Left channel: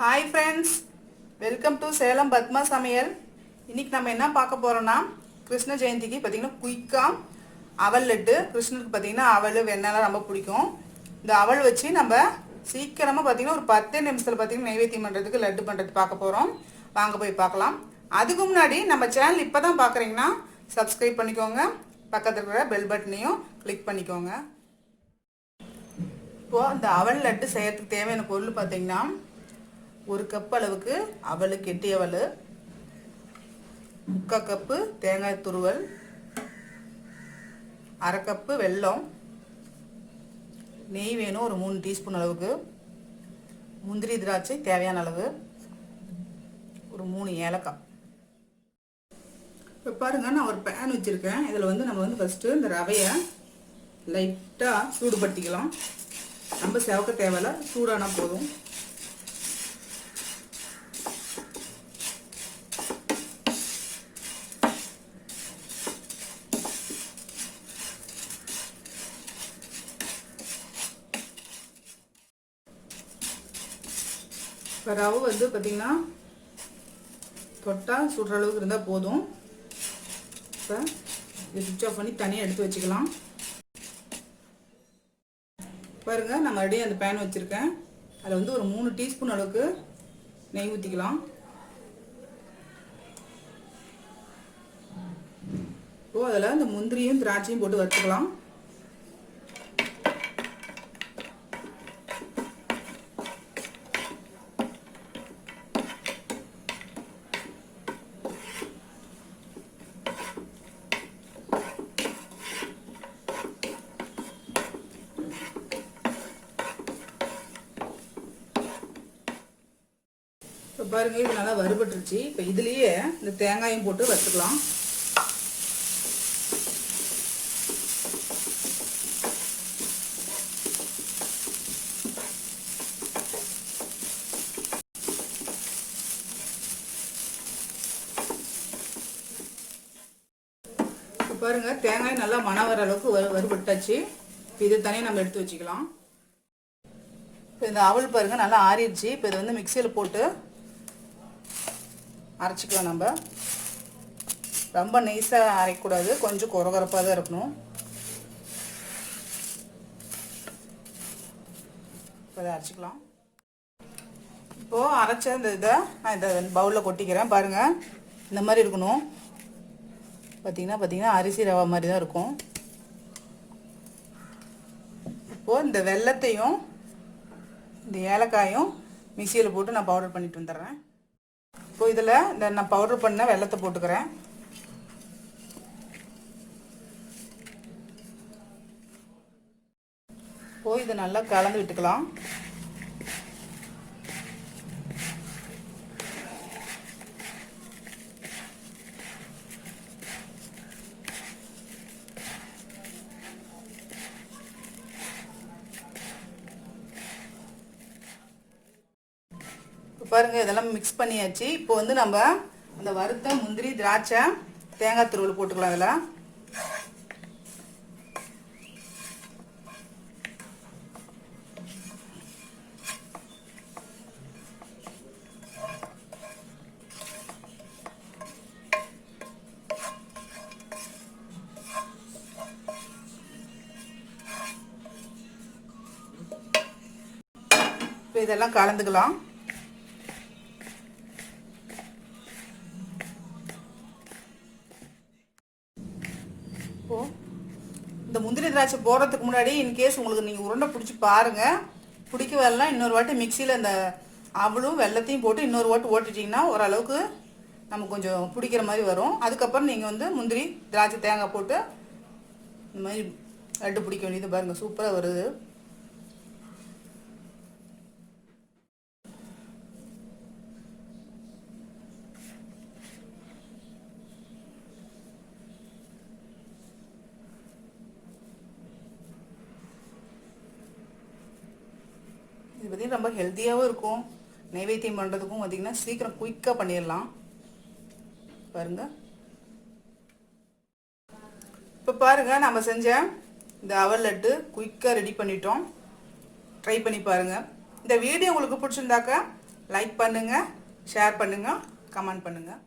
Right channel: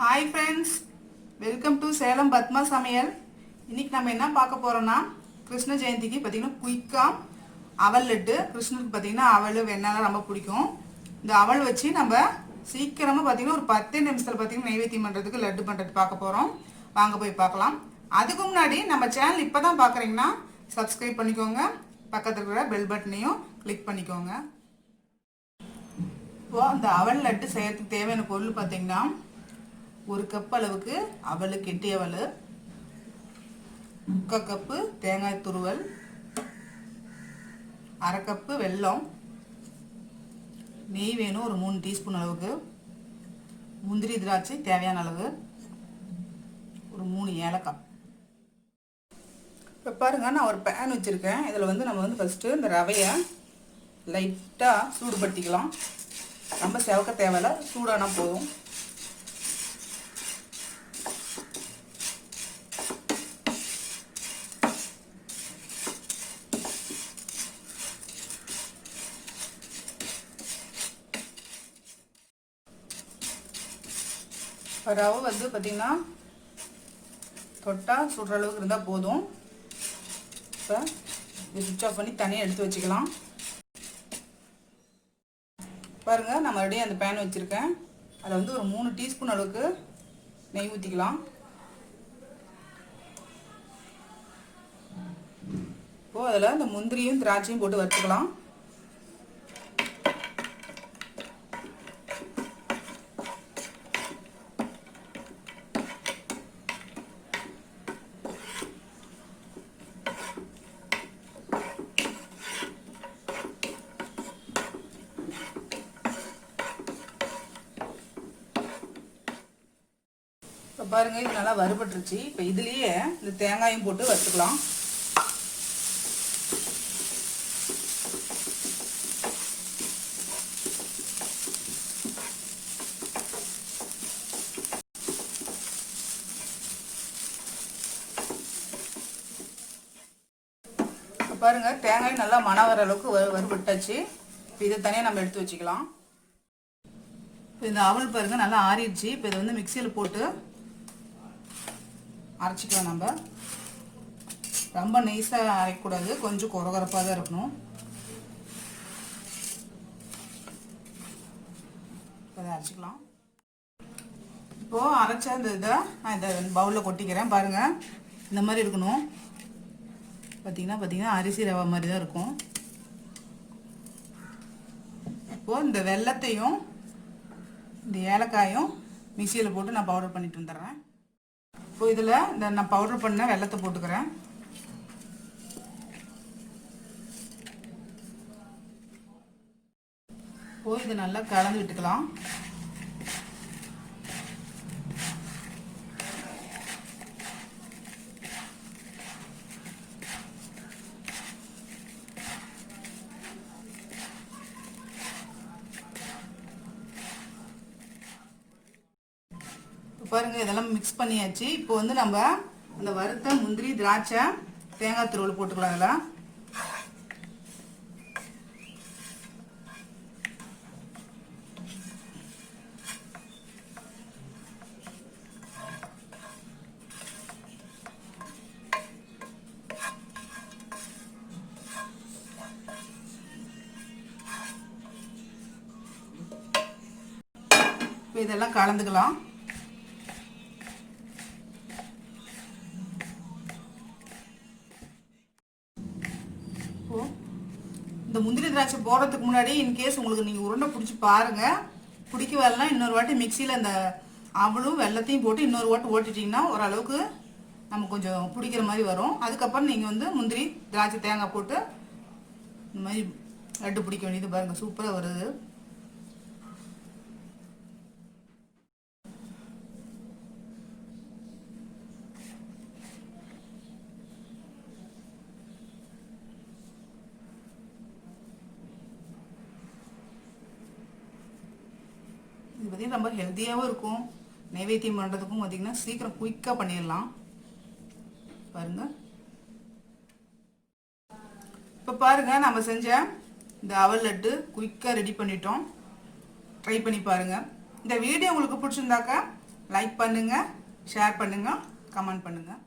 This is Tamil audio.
Hi friends, welcome to Salem Padma சமையல். இன்னைக்கு நம்ம என்ன பார்க்க போறோம்னா, கிருஷ்ண ஜெயந்திக்கு பார்த்தீங்கன்னா குயிக்காக அவல் லட்டு. கிருஷ்ணருக்கு பார்த்தீங்கன்னா அவல் வெண்ணெய்லாம் ரொம்ப பிடிக்கும். இந்த அவல் வச்சு நம்ம சீக்கிரமாக பார்த்தீங்கன்னா ஒரு 10 நிமிஷத்தில் பார்த்தீங்கன்னா நைவேத்தியம் பண்ணுறதுக்கு லட்டு பண்ணுறது பார்க்க போகிறோம். வாங்க போய் பார்க்கலாம். அதுக்கு முன்னாடி நம்ம சேனல் இப்போ தான் பார்க்குறீங்கன்னா சப்ஸ்கிரைப் பண்ணிக்கோங்க, பக்கத்தில் இருக்கிற பெல் பட்டனையும் கிளிக் பண்ணிக்கோங்க. இப்போது இந்த அவல் லட்டு செய்யறதுக்கு தேவையான பொருள் பார்த்தீங்கன்னா, ஒரு கப் அளவுக்கு அவல், கெட்டி அவல், 3/4 கப்பு தேங்காய் துருவல், 1/2 கப்பு வெல்லம், நெய் வேணும் ஒரு 3 டீஸ்பூன் அளவுக்கு, முந்திரி திராட்சை தேவையான அளவு, ஒரு 3 ஏலக்காய். இப்போ பாருங்க, நான் ஒரு பேன் வச்சுருக்கேன். இதில் வந்து நம்ம வந்து ஃபஸ்ட்டு இந்த ரவையை லைட்டாக சூடுபடுத்திக்கலாம். ரொம்ப செவக்க தேவையில்ல, சூடானா போதும். ரவை வந்து பார்த்தீங்கன்னா தொட்டால் சுடுற அளவுக்கு இருந்தால் போதும். இப்போ சுவிட்ச் ஆஃப் பண்ணி தனியாக எடுத்து வச்சுக்கலாம். பாருங்கள், நான் மறுபடியும் அந்த பேன் வச்சுருக்கேன். அதில் வந்து ஒரு 3 டீஸ்பூன் அளவுக்கு நெய் ஊற்றிக்கலாம். இப்போது அதில் இந்த முந்திரியும் திராட்சையும் போட்டு வறுத்துக்கலாம். இப்போ பாருங்க, இது நல்லா வறுபட்டுருச்சு. இப்போ இதுலேயே இந்த தேங்காயும் போட்டு வறுத்துக்கலாம். இப்போ பாருங்க, தேங்காய் நல்லா மணம் வர அளவுக்கு வறுபட்டாச்சு. இப்போ இதை தனியாக நம்ம எடுத்து வச்சுக்கலாம். இப்போ இந்த அவல் பாருங்க நல்லா ஆறிடுச்சு. இப்போ இதை வந்து மிக்சியில் போட்டு அரைச்சிக்கலாம். நம்ம ரொம்ப நைஸாக அரைக்கக்கூடாது, கொஞ்சம் கொரகொரப்பாக தான் இருக்கணும். அதை அரைச்சிக்கலாம். இப்போது அரைச்ச இந்த இதை நான் இதை பவுலில் கொட்டிக்கிறேன். பாருங்கள், இந்த மாதிரி இருக்கணும். பார்த்தீங்கன்னா அரிசி ரவை மாதிரி தான் இருக்கும். இப்போது இந்த வெல்லத்தையும் இந்த ஏலக்காயும் மிக்சியில் போட்டு நான் பவுடர் பண்ணிட்டு வந்துடுறேன். இப்போ இதில் இந்த நான் பவுடர் பண்ண வெல்லத்தை போட்டுக்கிறேன். இப்போ இதை நல்லா கலந்து விட்டுக்கலாம். பாருங்க, இதெல்லாம் மிக்ஸ் பண்ணியாச்சு. இப்போ வந்து நம்ம இந்த வறுத்த முந்திரி, திராட்சை, தேங்காய் துருவல் போட்டுக்கலாம். அதில் இப்போ இதெல்லாம் கலந்துக்கலாம். இந்த முந்திரி திராட்சை போடுறதுக்கு முன்னாடி இன்கேஸ் உங்களுக்கு நீங்கள் உருண்டை பிடிச்சி பாருங்கள். பிடிக்க வரலாம், இன்னொரு வாட்டி மிக்சியில் இந்த அவளும் வெல்லத்தையும் போட்டு இன்னொரு வாட்டி ஓட்டிட்டிங்கன்னா ஓரளவுக்கு நமக்கு கொஞ்சம் பிடிக்கிற மாதிரி வரும். அதுக்கப்புறம் நீங்கள் வந்து முந்திரி, திராட்சை, தேங்காய் போட்டு இந்த மாதிரி லட்டு பிடிக்க வேண்டியது. பாருங்கள், சூப்பராக வருது. இது பார்த்தீங்கன்னா ரொம்ப ஹெல்த்தியாகவும் இருக்கும். நைவேத்தியம் பண்ணுறதுக்கும் பார்த்தீங்கன்னா சீக்கிரம் குயிக்காக பண்ணிடலாம். பாருங்க, இப்போ பாருங்க, நம்ம செஞ்ச இந்த அவல் லட்டு குயிக்காக ரெடி பண்ணிட்டோம். ட்ரை பண்ணி பாருங்கள். இந்த வீடியோ உங்களுக்கு பிடிச்சிருந்தாக்கா லைக் பண்ணுங்கள், ஷேர் பண்ணுங்கள், கமெண்ட் பண்ணுங்கள்.